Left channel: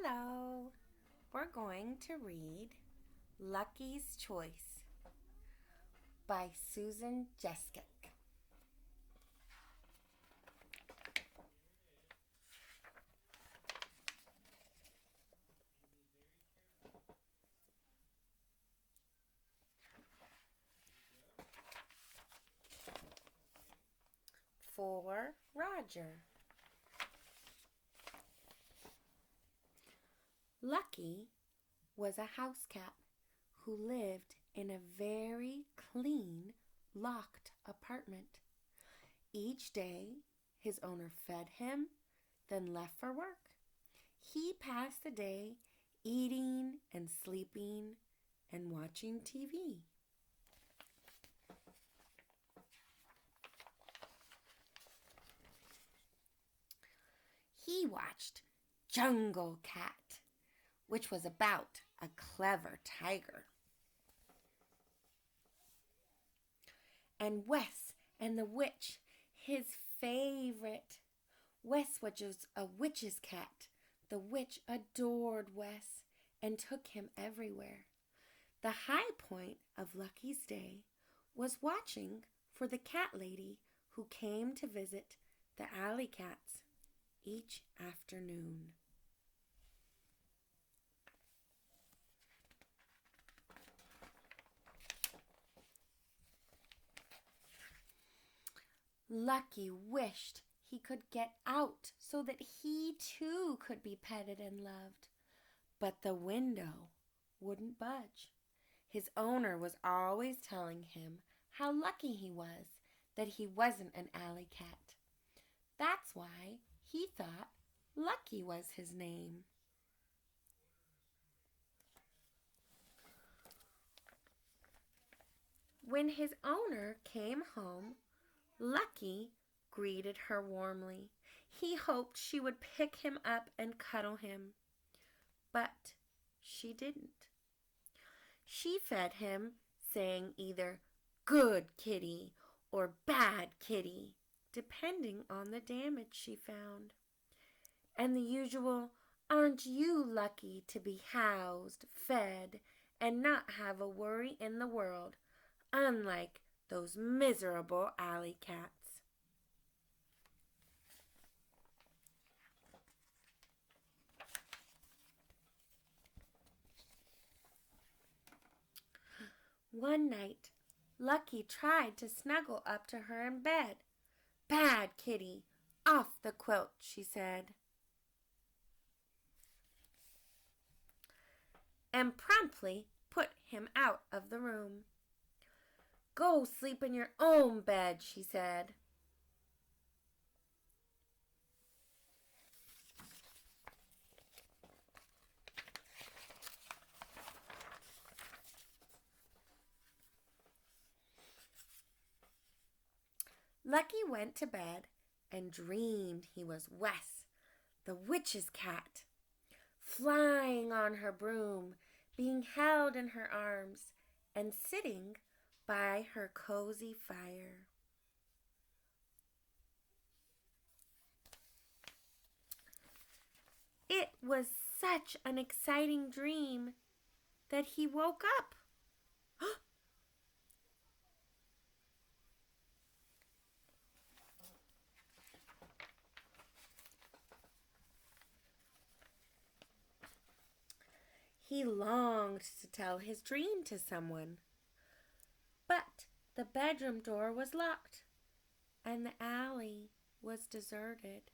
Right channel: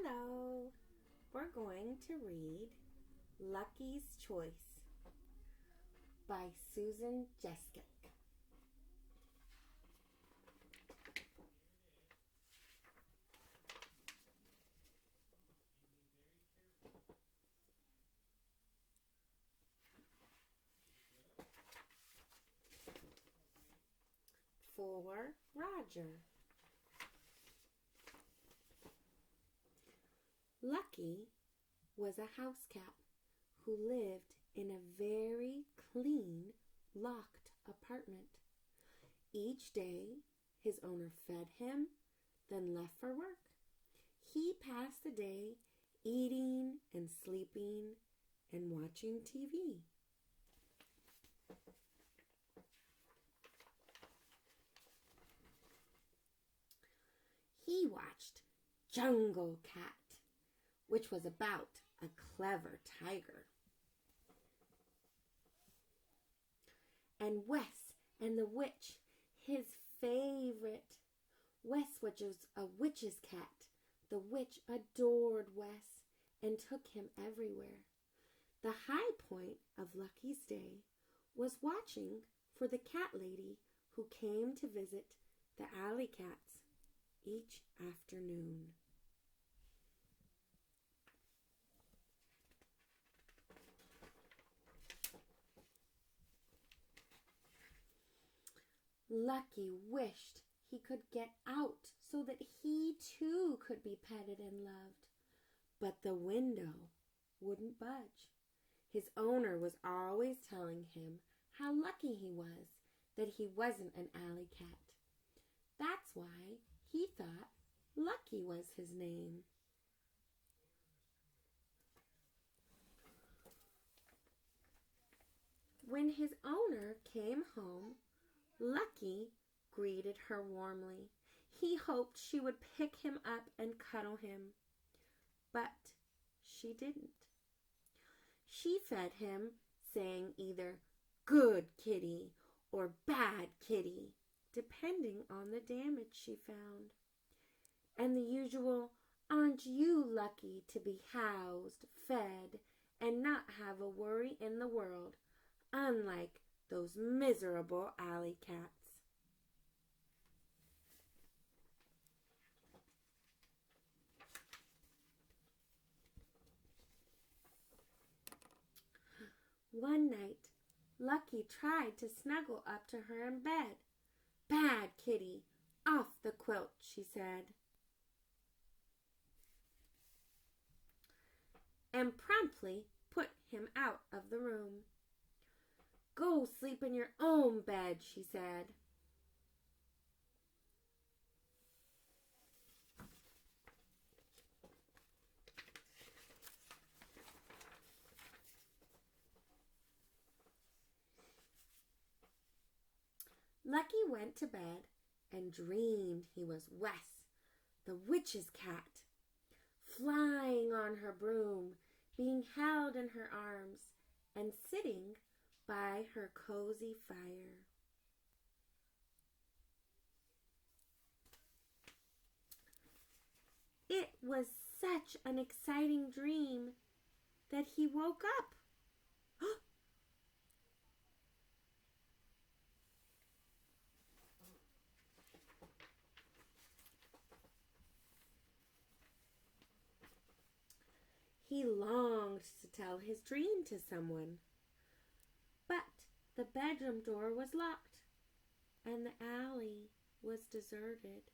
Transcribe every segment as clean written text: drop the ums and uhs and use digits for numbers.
Hello. We're going to read Lucky's Choice by Susan Jeschke. For Roger. Lucky was a house cat who lived in a very clean, locked apartment. Each day, his owner fed him, then left for work. He passed the day eating and sleeping and watching TV. He watched Jungle Cat, which was about a clever tiger. And Wes and the Witch, his favorite. Wes was a witch's cat. The witch adored Wes and took him everywhere. The high point of Lucky's day was watching for the cat lady who came to visit the alley cats each afternoon. Lucky wished he could get out so that he too could be petted and loved. But the window wouldn't budge. His owner was always telling him how lucky he was that he wasn't an alley cat. That's why he thought Lucky was his name. When his owner came home, Lucky greeted her warmly. He hoped she would pick him up and cuddle him, but she didn't. She fed him, saying either "good kitty" or "bad kitty," depending on the damage she found. And the usual "aren't you lucky to be housed, fed, and not have a worry in the world, unlike those miserable alley cats." One night, Lucky tried to snuggle up to her in bed. "Bad kitty, off the quilt," she said, and promptly put him out of the room. "Go sleep in your own bed," she said. Lucky went to bed and dreamed he was Wes, the witch's cat, flying on her broom, being held in her arms, and sitting by her cozy fire. It was such an exciting dream that he woke up. He longed to tell his dream to someone, but the bedroom door was locked and the alley was deserted.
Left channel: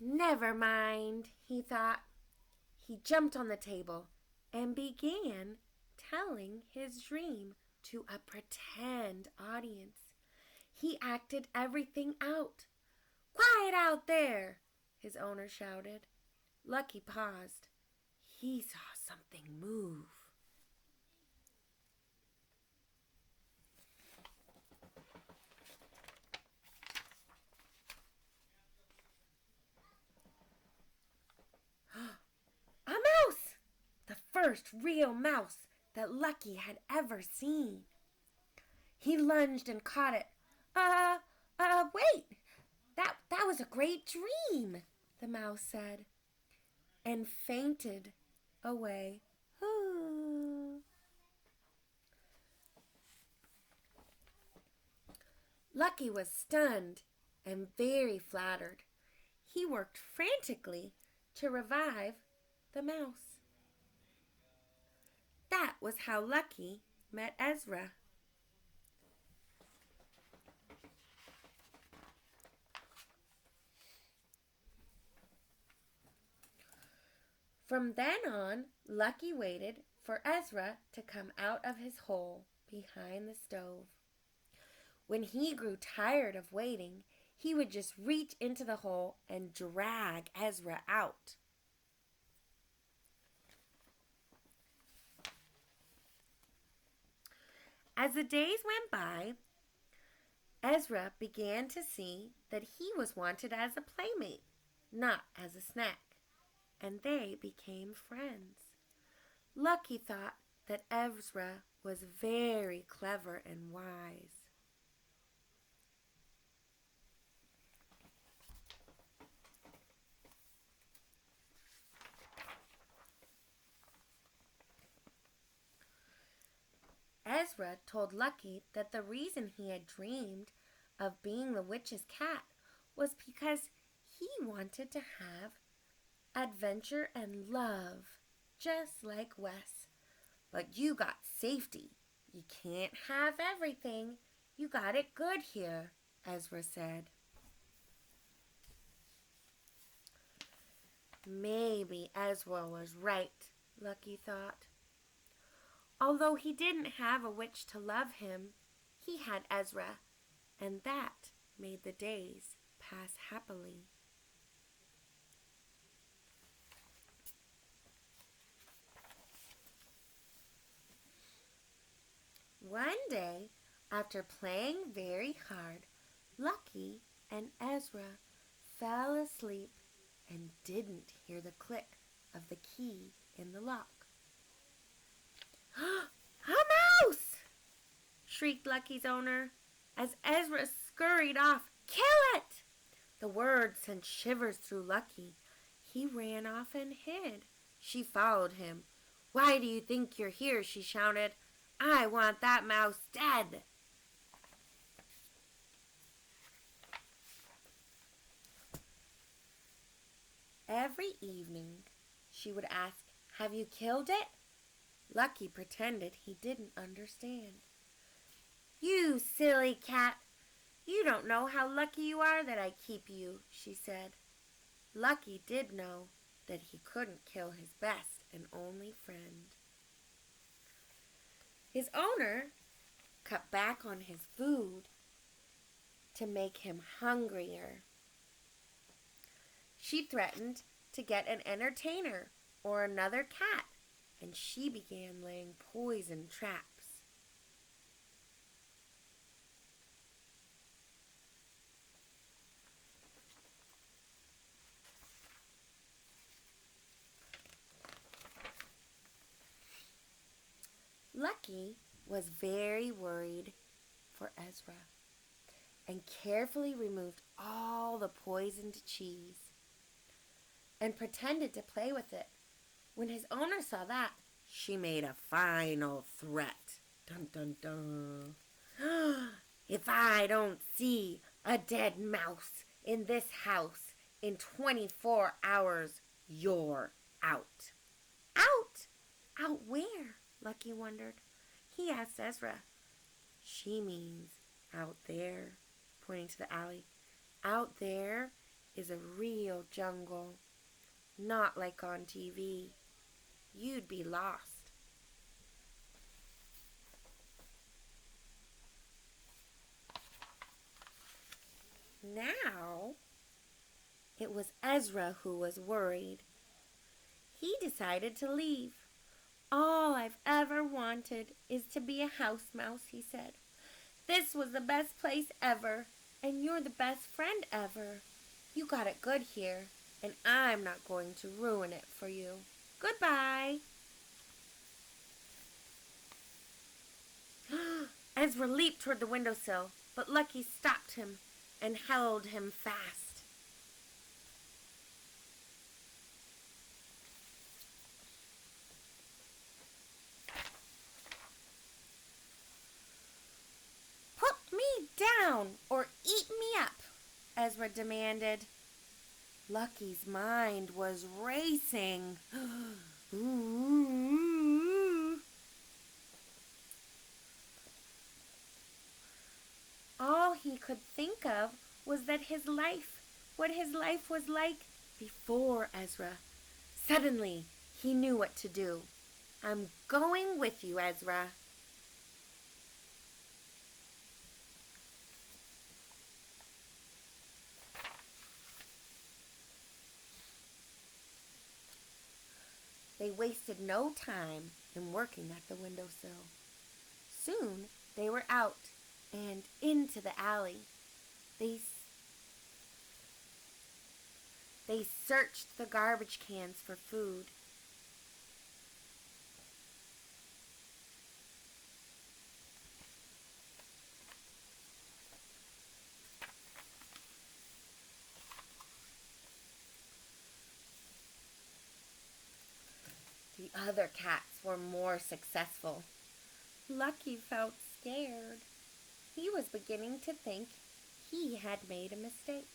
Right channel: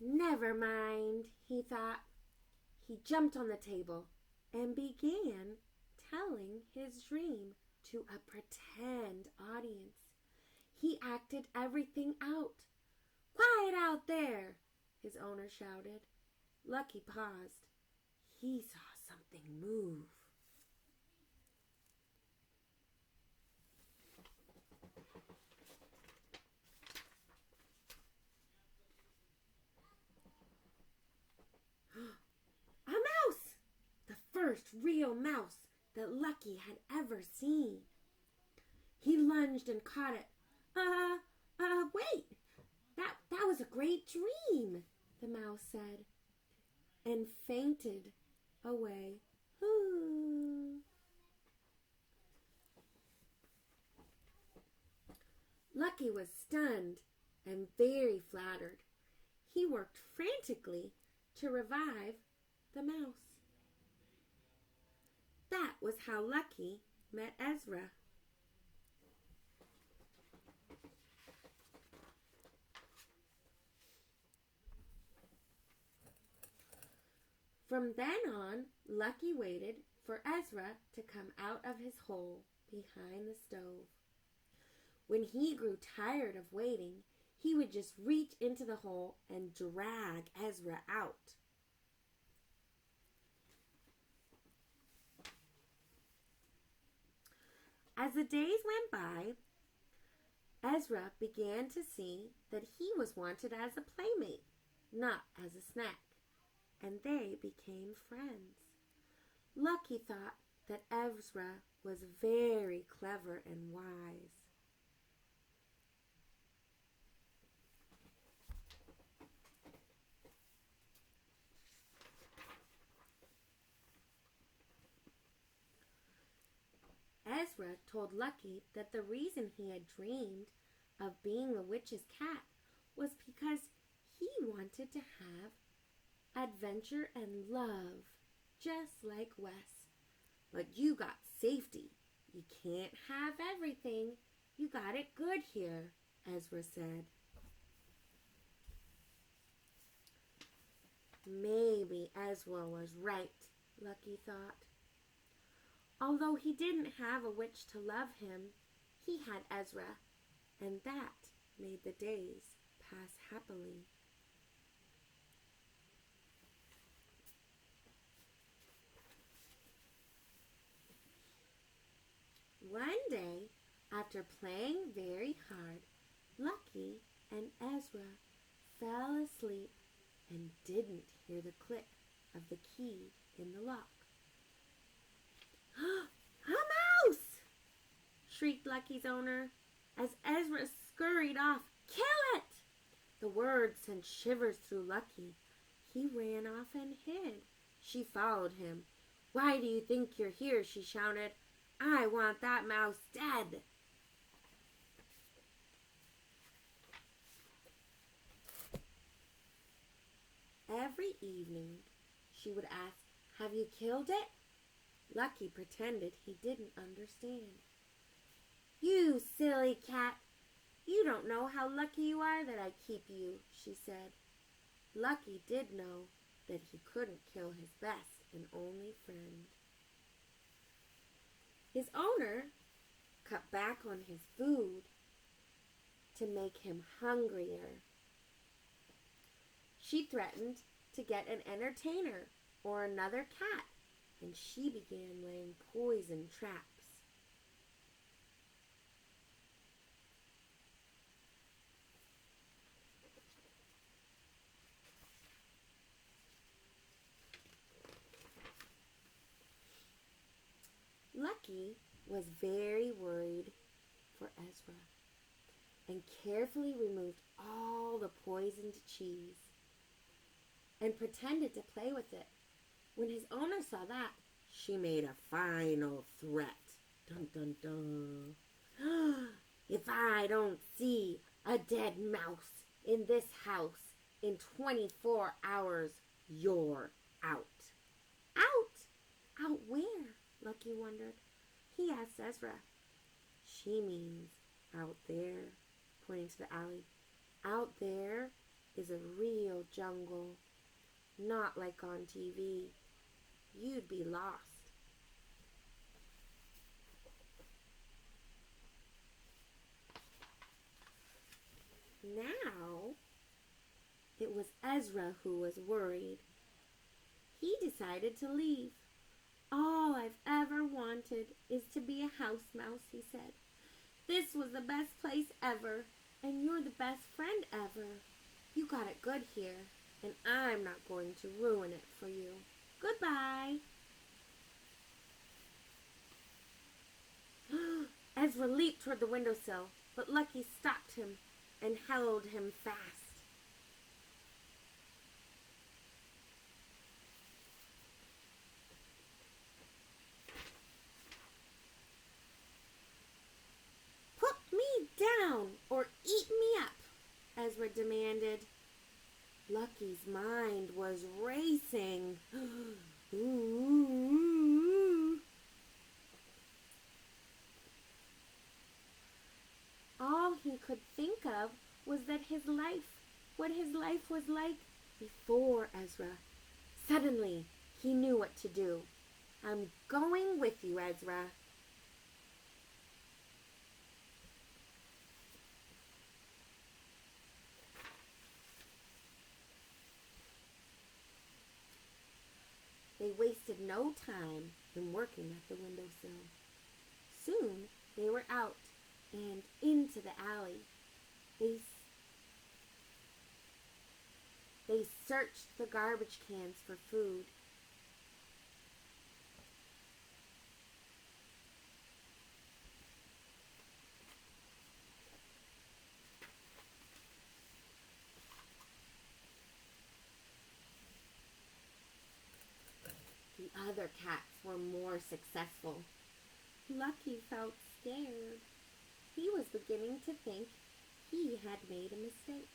Never mind, he thought. He jumped on the table and began telling his dream to a pretend audience. He acted everything out. "Quiet out there!" his owner shouted. Lucky paused. He saw something move. A mouse! The first real mouse that Lucky had ever seen. He lunged and caught it. Wait! great dream," the mouse said, and fainted away. Ooh. Lucky was stunned and very flattered. He worked frantically to revive the mouse. That was how Lucky met Ezra. From then on, Lucky waited for Ezra to come out of his hole behind the stove. When he grew tired of waiting, he would just reach into the hole and drag Ezra out. As the days went by, Ezra began to see that he was wanted as a playmate, not as a snack, and they became friends. Lucky thought that Ezra was very clever and wise. Ezra told Lucky that the reason he had dreamed of being the witch's cat was because he wanted to have adventure and love, just like Wes. But you got safety. You can't have everything. You got it good here, Ezra said. Maybe Ezra was right, Lucky thought. Although he didn't have a witch to love him, he had Ezra, and that made the days pass happily. One day, after playing very hard, Lucky and Ezra fell asleep and didn't hear the click of the key in the lock. "A mouse!" shrieked Lucky's owner as Ezra scurried off. "Kill it!" The word sent shivers through Lucky. He ran off and hid. She followed him. "Why do you think you're here?" she shouted. "I want that mouse dead." Every evening, she would ask, "Have you killed it?" Lucky pretended he didn't understand. "You silly cat! You don't know how lucky you are that I keep you," she said. Lucky did know that he couldn't kill his best and only friend. His owner cut back on his food to make him hungrier. She threatened to get an entertainer or another cat, and she began laying poison traps. Lucky was very worried for Ezra and carefully removed all the poisoned cheese and pretended to play with it. When his owner saw that, she made a final threat. Dun dun dun. "If I don't see a dead mouse in this house in 24 hours, you're out." "Out? Out where?" Lucky wondered. He asked Ezra. "She means out there," pointing to the alley. "Out there is a real jungle, not like on TV. You'd be lost." Now, it was Ezra who was worried. He decided to leave. "All I've ever wanted is to be a house mouse," he said. "This was the best place ever, and you're the best friend ever. You got it good here, and I'm not going to ruin it for you. Goodbye." Ezra leaped toward the windowsill, but Lucky stopped him and held him fast. down or eat me up," Ezra demanded. Lucky's mind was racing. Ooh. All he could think of was what his life was like before Ezra. Suddenly, he knew what to do. "I'm going with you, Ezra." They wasted no time in working at the windowsill. Soon they were out and into the alley. They searched the garbage cans for food. The other cats were more successful. Lucky felt scared. He was beginning to think he had made a mistake.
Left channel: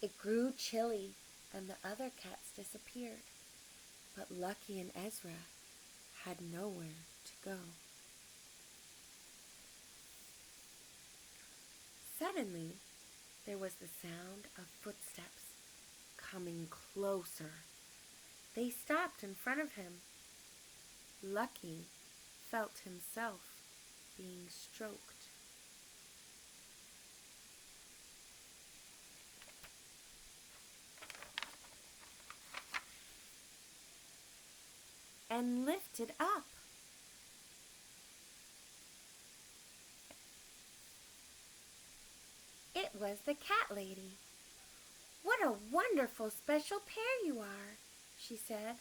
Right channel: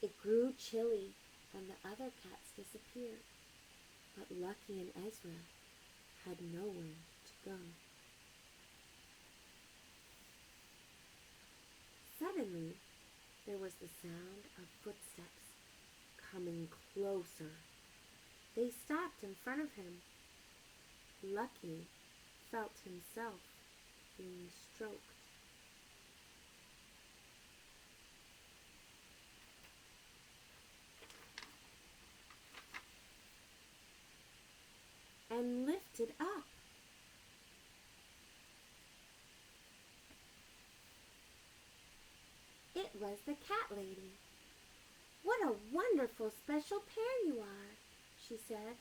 It grew chilly and the other cats disappeared. But Lucky and Ezra had nowhere to go. Suddenly, there was the sound of footsteps coming closer. They stopped in front of him. Lucky felt himself being stroked. And lifted up. It was the cat lady. "What a wonderful special pair you are," she said,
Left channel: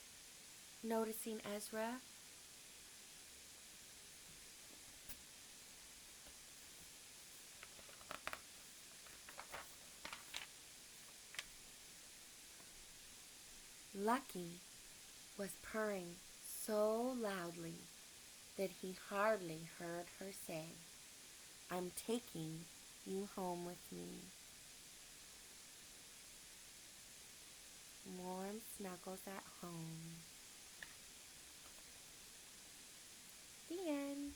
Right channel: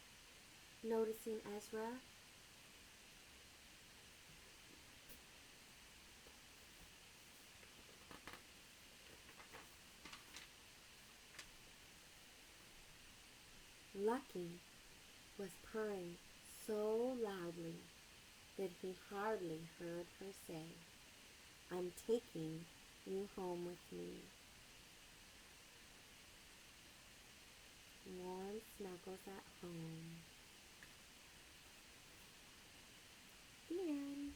noticing Ezra. Lucky was purring so loudly that he hardly heard her say, "I'm taking you home with me." Warm snuggles at home. The end.